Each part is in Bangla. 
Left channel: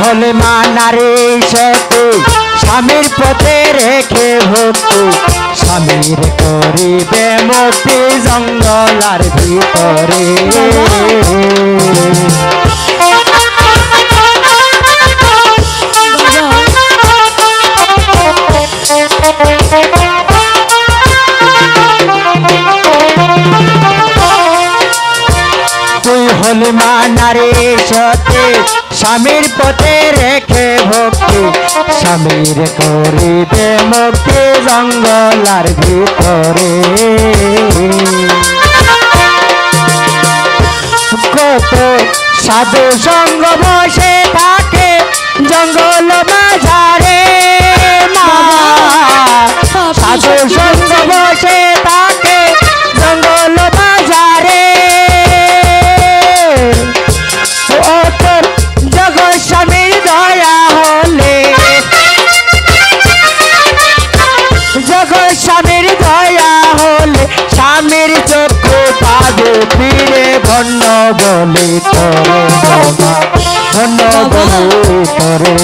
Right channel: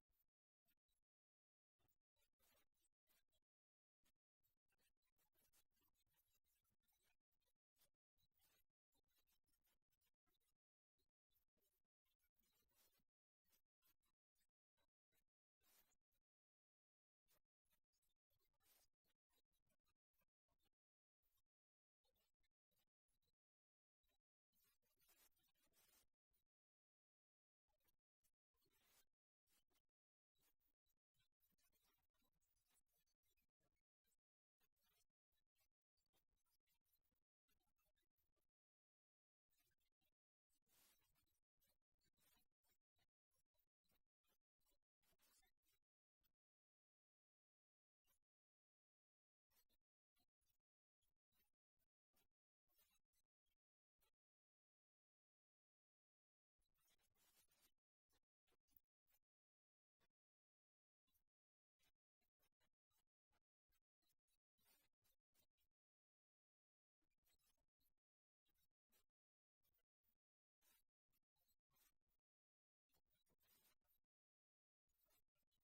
হলে মানারে সতু স্বামীর পথে রেখে ভক্তি স্বামীর করিবে মতি জঙ্গলার ভিতরে। তুই হলি মানারে সতে স্বামীর পথে রেখে ভক্তি, স্বামীর করিবে মুক্তি জঙ্গলার ভিতরে। কত সাধু সঙ্গ বসে থাকে জঙ্গল তোরে ভন্ন বলে তোরে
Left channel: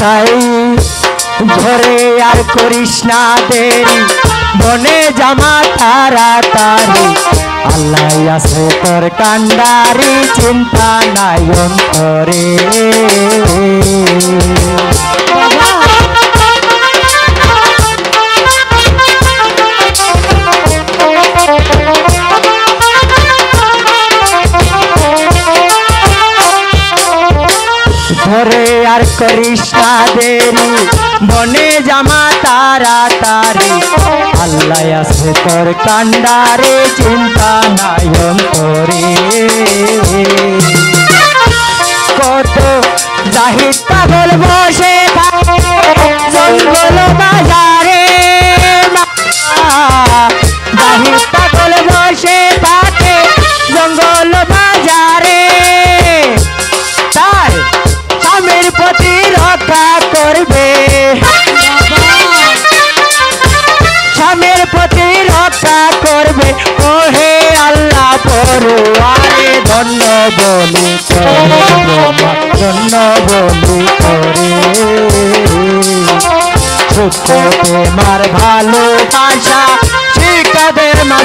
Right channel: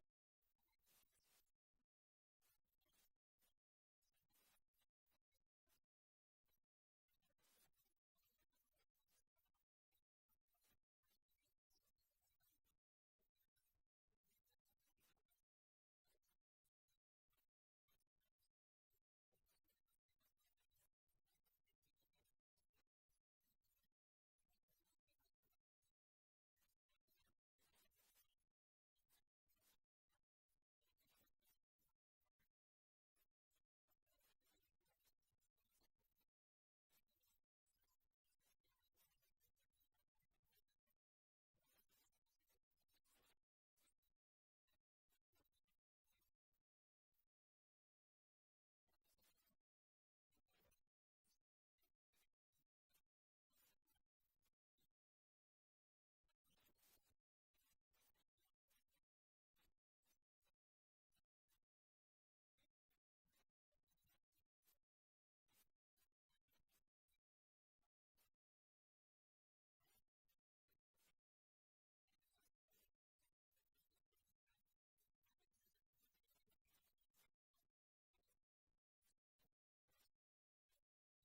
তাই ধরে আর করিস না দেরি বনে জামা তাড়াতাড়ি আল্লাহ আছে তোর কান্ডারি, চিন্তা নাই অন্তরে। ধরে আর করিস দেরি বনে জামা তাড়াতাড়ি আল্লাহ আছে তোর কান্ডারে চিন্তা নাই অন্তরে। সত্য ভাষা ভালোবাসা শিকাদের মা